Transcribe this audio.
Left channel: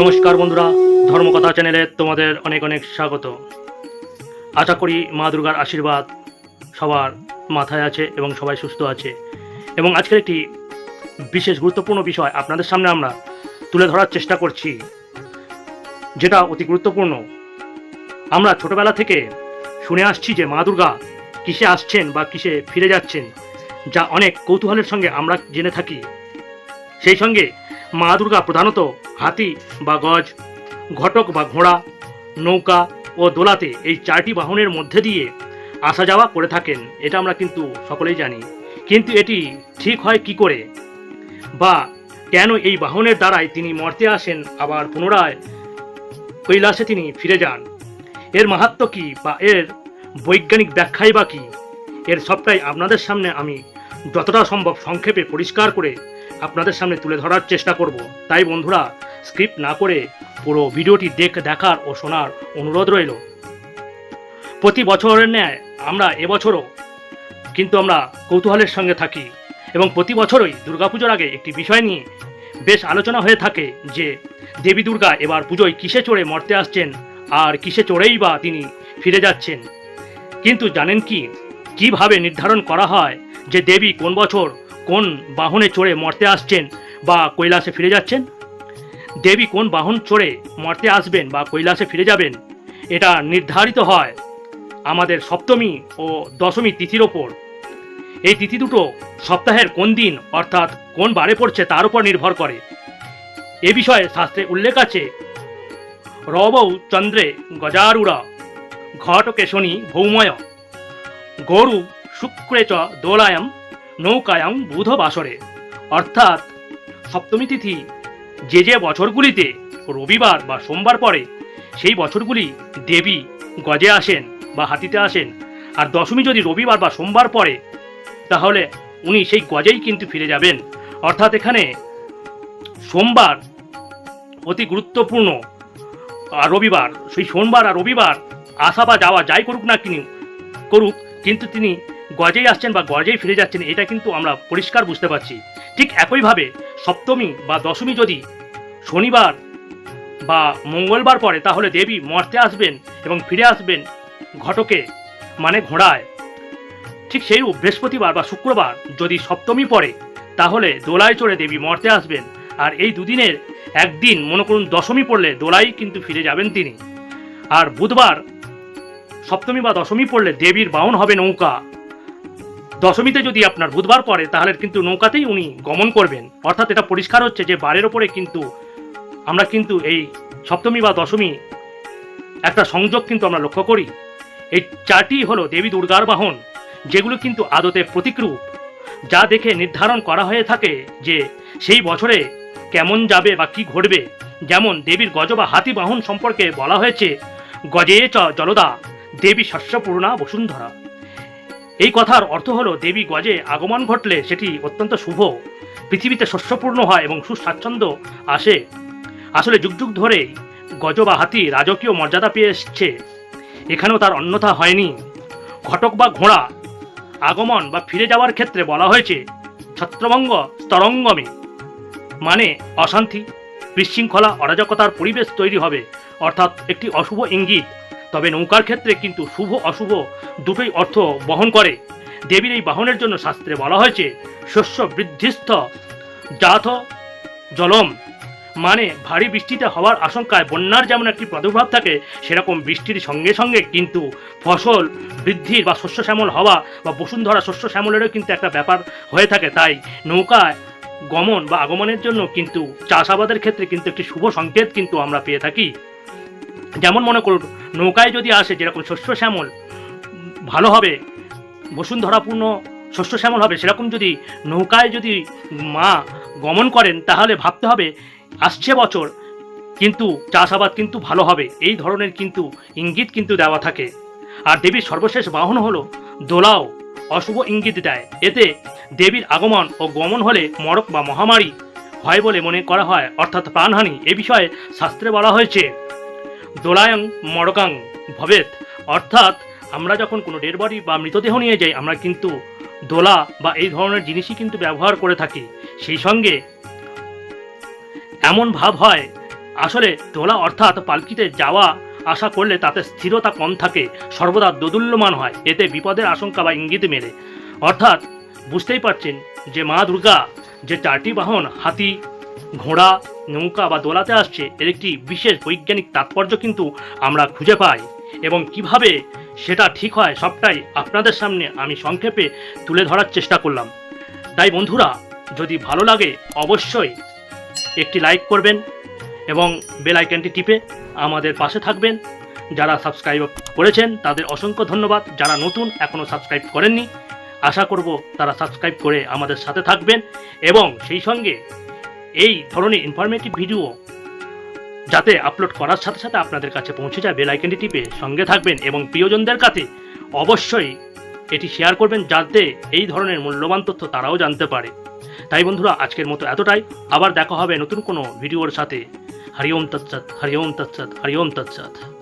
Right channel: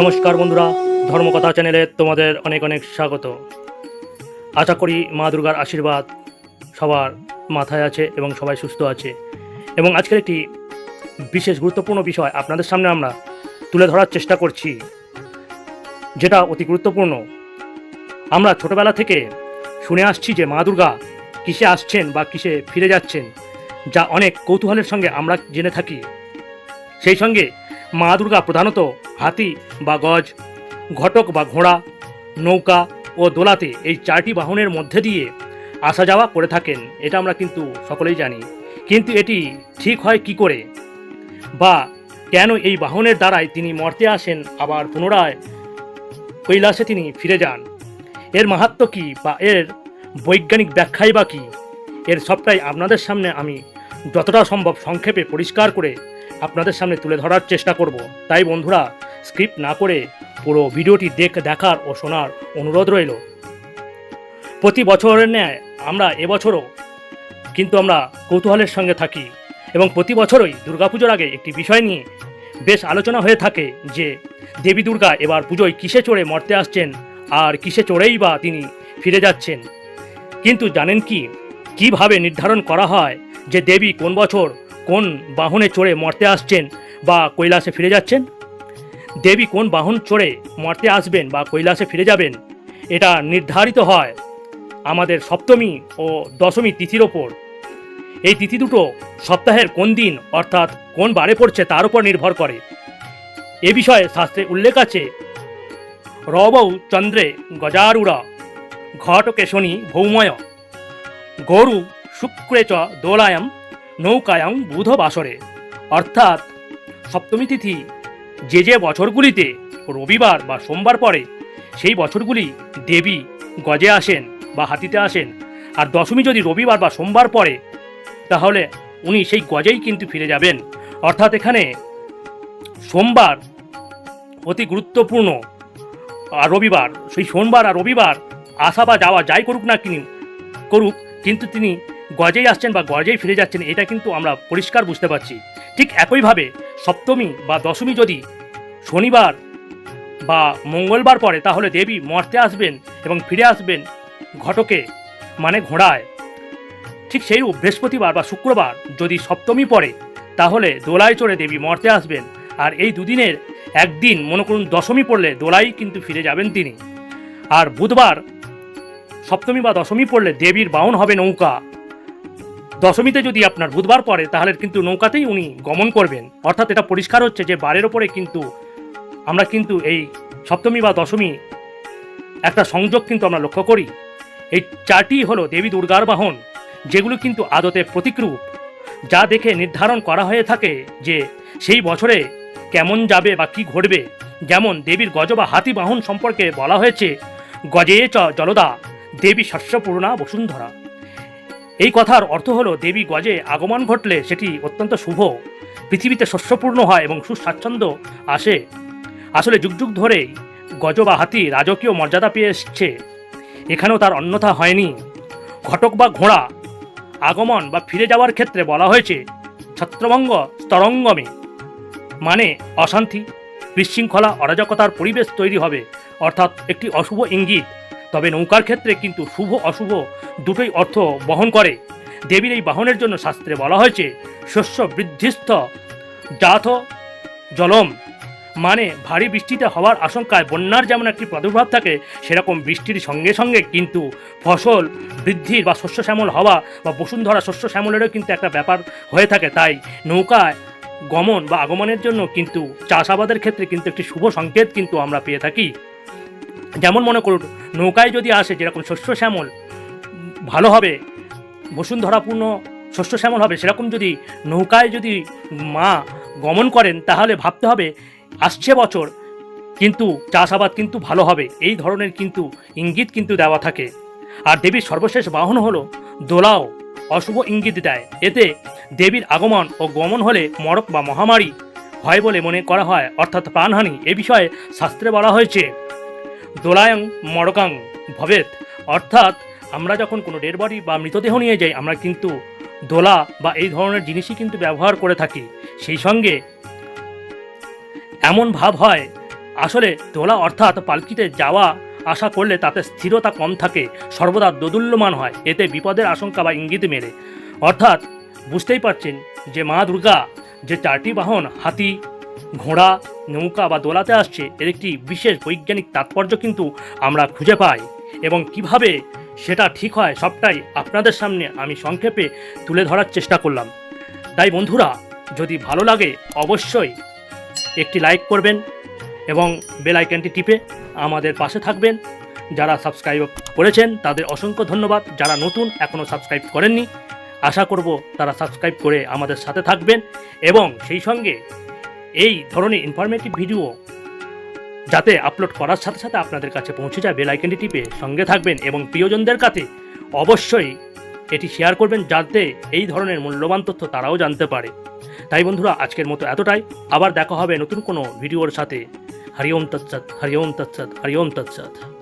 নমস্কার বন্ধুরা, ধর্মকথা চ্যানেলে তোমাদের অনেক অনেক স্বাগত। আশা করি মা দুর্গার আশীর্বাদ সবার মাথায় আছে এবং সবাই সুস্থ আছে। এবং আজকের একটি বিশেষ গুরুত্বপূর্ণ বিষয় আপনাদের সামনে আমরা তুলে ধরার চেষ্টা করছি। যেটা অতি গুরুত্বপূর্ণ। আমরা ছোটবেলা থেকে শুনে আসছি যে মা দুর্গা কিসে আসছেন বা কিসে ফিরে যাচ্ছেন, যা অনেক কৌতূহলের সঙ্গে আমরা জেনে থাকি। সেই সঙ্গে মা দুর্গা প্রধানত হাতি বা গজ, ঘটক বা ঘোড়া, নৌকা ও দোলাতে এই চারটি বাহনের মধ্যে দিয়ে আসা যাওয়া করে থাকেন, এটা আমরা কিন্তু সকলেই জানি। কিন্তু এটি ঠিক হয় কি করে? বা কেন এই বাহনের দ্বারাই তিনি মর্তে আসেন, আবার পুনরায় কৈলাসে তিনি ফিরে যান? এর মাহাত্ম কী বা এর বৈজ্ঞানিক ব্যাখ্যাই বা কী? এর সবটাই আপনাদের সামনে আমি যতটা সম্ভব সংক্ষেপে পরিষ্কার করে আপনাদের সামনে তুলে ধরার চেষ্টা করব। তাই বন্ধুরা স্ক্রিপ্ট না করে পুরো ভিডিওটি দেখ, দেখার ও শোনার অনুরোধ রইল। প্রতি বছরের ন্যায় আমরা এবছরও কিন্তু আমরা কৌতূহলের সঙ্গে থাকি এবং প্রতি বছরই দুর্গাপুজোর আগে একটি বিষয় নিয়ে বেশ আলোচনা হয়ে থাকে যে, দেবী দুর্গা এবার পুজোয় কিসে চড়ে মরতে আসছেন আর কিসে চড়েই বা তিনি ফিরে যাচ্ছেন। কিন্তু জানেন কি? কীভাবে নির্ধারণ করা হয় যে দেবী কোন বছর কোন বাহনে চড়ে মর্তে আসছেন বা কৈলাসে ফিরে যাচ্ছেন? দেবী কোন বাহন চড়ে মর্তে আসবেন বা কৈলাসে ফিরে যাবেন? এটা নির্ধারিত হয় আমাদের সপ্তমী ও দশমী তিথির ওপর। এই তিথি দুটো সপ্তাহের কোন দিন অর্থাৎ কোন বারে পড়ছে তার উপর নির্ভর করে। এ বিষয়ে শাস্ত্রে উল্লেখ আছে, রবৌ চন্দ্রে গজারুরা ঘটকে শনি ভৌময়, গরু শুক্রে চ দোলায়াম নৌকায়াং বুধ বাসরে অর্থাৎ সপ্তমী তিথি, যে যে বছরগুলিতে রবিবার বা সোমবার পরে সেই বছরগুলি দেবী গজে আসেন বা হাতিতে আসেন। আর দশমী যদি রবিবার বা সোমবার পড়ে, তাহলে উনি সেই গজেই কিন্তু ফিরে যাবেন। অর্থাৎ এখানে সোমবার অতি গুরুত্বপূর্ণ। আর রবিবার, সেই সোমবার আর রবিবার আসা বা যাওয়া যাই করুক না কিনি করুক, কিন্তু তিনি গজেই আসছেন বা গজেই ফিরে যাচ্ছেন, এটা কিন্তু আমরা পরিষ্কার বুঝতে পারছি। ঠিক একইভাবে সপ্তমী বা দশমী যদি শনিবার বা মঙ্গলবার পরে তাহলে দেবী মর্তে আসবেন এবং ফিরে আসবেন ঘটকে মানে ঘোড়ায়। ঠিক সেই বৃহস্পতিবার বা শুক্রবার যদি সপ্তমী পড়ে, তাহলে দোলায় চড়ে দেবী মর্তে আসবেন। আর এই দুদিনের একদিন, মনে করুন দশমী পড়লে দোলাই কিন্তু ফিরে যাবেন তিনি। আর বুধবার সপ্তমী বা দশমী পড়লে দেবীর বাহন হবে নৌকা। দশমীতে যদি আপনার বুধবার পড়ে, তাহলে কিন্তু নৌকাতেই উনি গমন করবেন। অর্থাৎ এটা পরিষ্কার হচ্ছে যে বারের ওপরে কিন্তু আমরা কিন্তু এই সপ্তমী বা দশমী একটা সংযোগ কিন্তু আমরা লক্ষ্য করি। এই চারটি হলো দেবী দুর্গার বাহন, যেগুলো কিন্তু আদতে প্রতিকরূপ, যা দেখে নির্ধারণ করা হয়ে থাকে যে সেই বছরে কেমন যাবে বা কি ঘটবে। যেমন দেবীর গজ বা হাতি বাহন সম্পর্কে বলা হয়েছে, গজে চ জলদা, দেবী শস্যপূর্ণা বসুন্ধরা। এই কথার অর্থ হলো দেবী গজে আগমন ঘটলে সেটি অত্যন্ত শুভ। পৃথিবীতে শস্যপূর্ণ হয় এবং সুস্বাচ্ছন্দ্য আসে। আসলে যুগ যুগ ধরেই গজ বা হাতি রাজকীয় মর্যাদা পেয়ে এসছে। এখানেও তার অন্যথা হয়নি। ঘটক বা ঘোড়া আগমন বা ফিরে যাওয়ার ক্ষেত্রে বলা হয়েছে ছত্রভঙ্গ স্তরঙ্গমে মানে অশান্তি, বিশৃঙ্খলা, অরাজকতার পরিবেশ তৈরি হবে। অর্থাৎ একটি অশুভ ইঙ্গিত। তবে নৌকার ক্ষেত্রে কিন্তু শুভ অশুভ দুটোই অর্থ বহন করে। দেবীর এই বাহনের জন্য শাস্ত্রে বলা হয়েছে, শস্য বৃদ্ধিস্থ জাত জলম। মানে ভারী বৃষ্টিতে হওয়ার আশঙ্কায় বন্যার যেমন একটি প্রাদুর্ভাব থাকে, সেরকম বৃষ্টির সঙ্গে সঙ্গে কিন্তু ফসল বৃদ্ধির বা শস্য শ্যামল হওয়া বা বসুন্ধরা শস্য শ্যামলেরও কিন্তু একটা ব্যাপার হয়ে থাকে। তাই নৌকায় গমন বা আগমনের জন্য কিন্তু চাষাবাদের ক্ষেত্রে কিন্তু একটি শুভ সংকেত কিন্তু আমরা পেয়ে থাকি। যেমন মনে করুন, নৌকায় যদি আসে যেরকম শস্য শ্যামল, ভালো হবে, বসুন্ধরাপূর্ণ শস্য শ্যামল হবে, সেরকম যদি নৌকায় যদি মা গমন করেন, তাহলে ভাবতে হবে আসছে বছর, কিন্তু চাষাবাদ কিন্তু ভালো হবে, এই ধরনের কিন্তু ইঙ্গিত কিন্তু দেওয়া থাকে। আর দেবীর সর্বশেষ বাহন হলো, দোলাও অশুভ ইঙ্গিত দেয়। এতে দেবীর আগমন ও গমন হলে মরক বা মহামারী হয় বলে মনে করা হয়, অর্থাৎ প্রাণহানি, এ বিষয়ে শাস্ত্রে বলা হয়েছে। দোলায়ং মরকাং ভবেত। অর্থাৎ আমরা যখন কোনো ডেড বডি বা মৃতদেহ নিয়ে যাই, আমরা কিন্তু দোলা বা এই ধরনের জিনিসই কিন্তু ব্যবহার করে থাকি। সেই সঙ্গে এমন ভাব হয়, আসলে দোলা অর্থাৎ পালকিতে যাওয়া আশা করলে তাতে স্থিরতা কম থাকে, সর্বদা দোদুল্যমান হয়, এতে বিপদের আশঙ্কা বা ইঙ্গিত মেলে। অর্থাৎ বুঝতেই পারছেন যে মা দুর্গা যে চারটি বাহন, হাতি ঘোড়া, নৌকা বা দোলাতে আসছে, এর একটি বিশেষ বৈজ্ঞানিক তাৎপর্য কিন্তু আমরা খুঁজে পাই। এবং কীভাবে সেটা ঠিক হয় সবটাই আপনাদের সামনে আমি সংক্ষেপে তুলে ধরার চেষ্টা করলাম। তাই বন্ধুরা, যদি ভালো লাগে অবশ্যই একটি লাইক করবেন এবং বেল আইকনটি টিপে আমাদের পাশে থাকবেন। যারা সাবস্ক্রাইব করেছেন, তাদের অসংখ্য ধন্যবাদ। যারা নতুন, এখনও সাবস্ক্রাইব করেননি, আশা করব তারা সাবস্ক্রাইব করে আমাদের সাথে থাকবেন। এবং সেই সঙ্গে এই ধরনের ইনফরমেটিভ ভিডিও যাতে আপলোড করার সাথে সাথে আপনাদের কাছে পৌঁছে যায় বেল টিপে সঙ্গে থাকবেন এবং প্রিয়জনদের কাছে অবশ্যই এটি শেয়ার করবেন যাতে এই ধরনের মূল্যবান তথ্য তারাও জানতে পারে। তাই বন্ধুরা, আজকের মতো এতটাই। আবার দেখা হবে নতুন কোনো ভিডিওর সাথে। হরিওম তৎসৎ, হরি ওম তৎসৎ, হরি ওম তৎসৎ।